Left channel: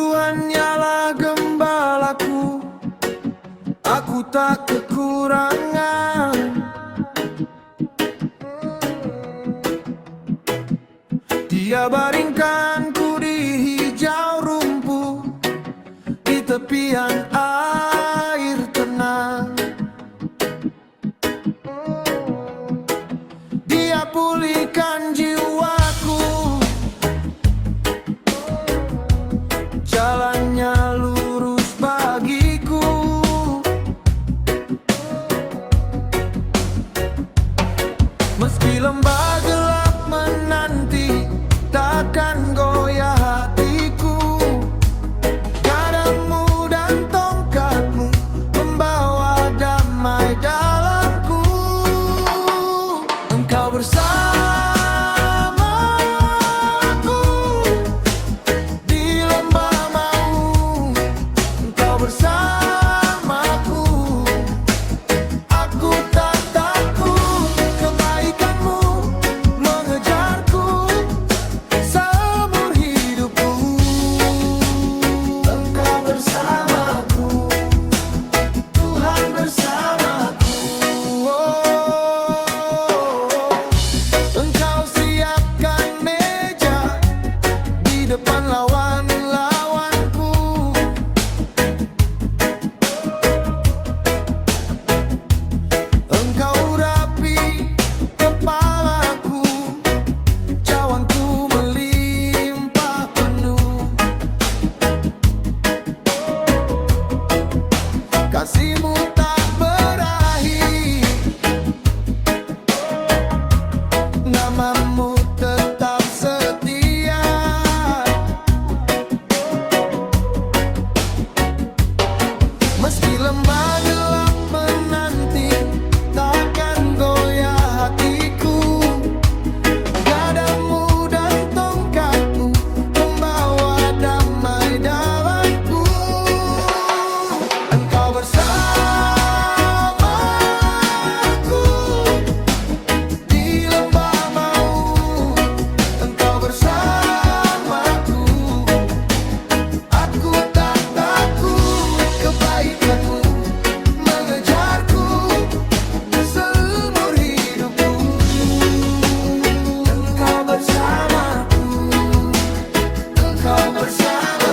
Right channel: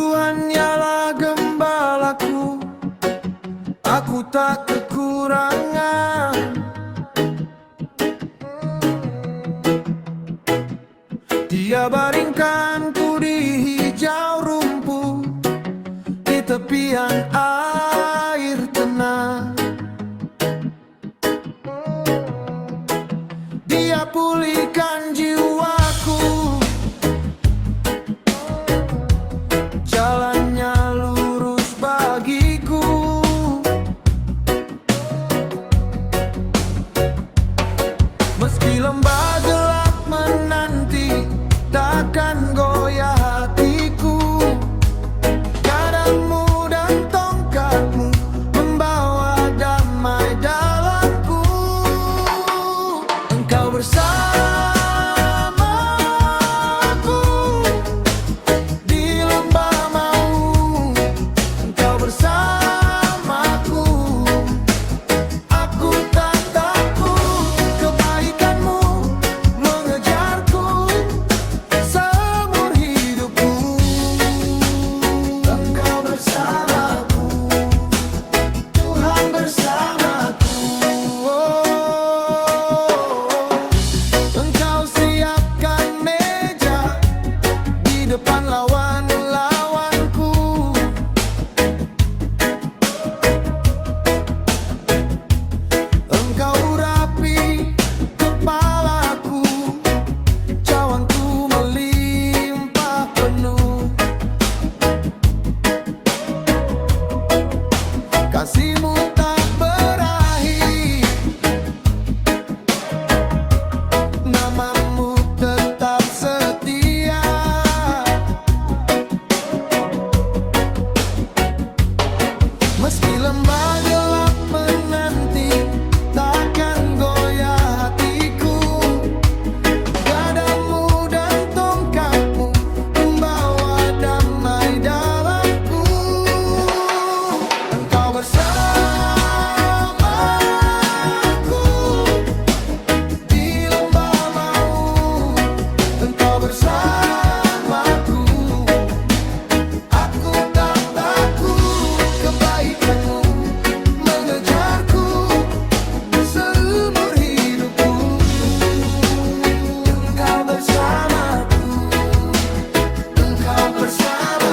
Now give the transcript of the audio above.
Tuhan ialah gembalaku, aku tak kekurangan. Dia baringkanku di hijau rumput, di tepian air tenang. Dia pulihkan jiwaku, jalannya lurus bagiku. Meski lembah gelap menanti, takkan goyah hatiku. Gadamu dan tongkatmu membawa damai dalamku. Engkau bersamaku di lembah maut, engkau bersamaku. Aku tak takut, kebaikanmu mengejarku seumur hidupku. Engkau bersamaku, Tuhan bersamaku. Engkau siapkan meja di depan lawan-lawanku. Engkau urapi kepalaku, cawanku melimpah penuh. Kasih-Mu tak berakhir, nama-Mu tetap setia. Meski lembah gelap menanti, takkan goyah hatiku. Gadamu dan tongkatmu membawa damai dalamku. Engkau bersamaku di lembah maut, engkau bersamaku. Aku tak takut, kebaikanmu mengejarku seumur hidupku. Engkau bersamaku, engkau bersamaku.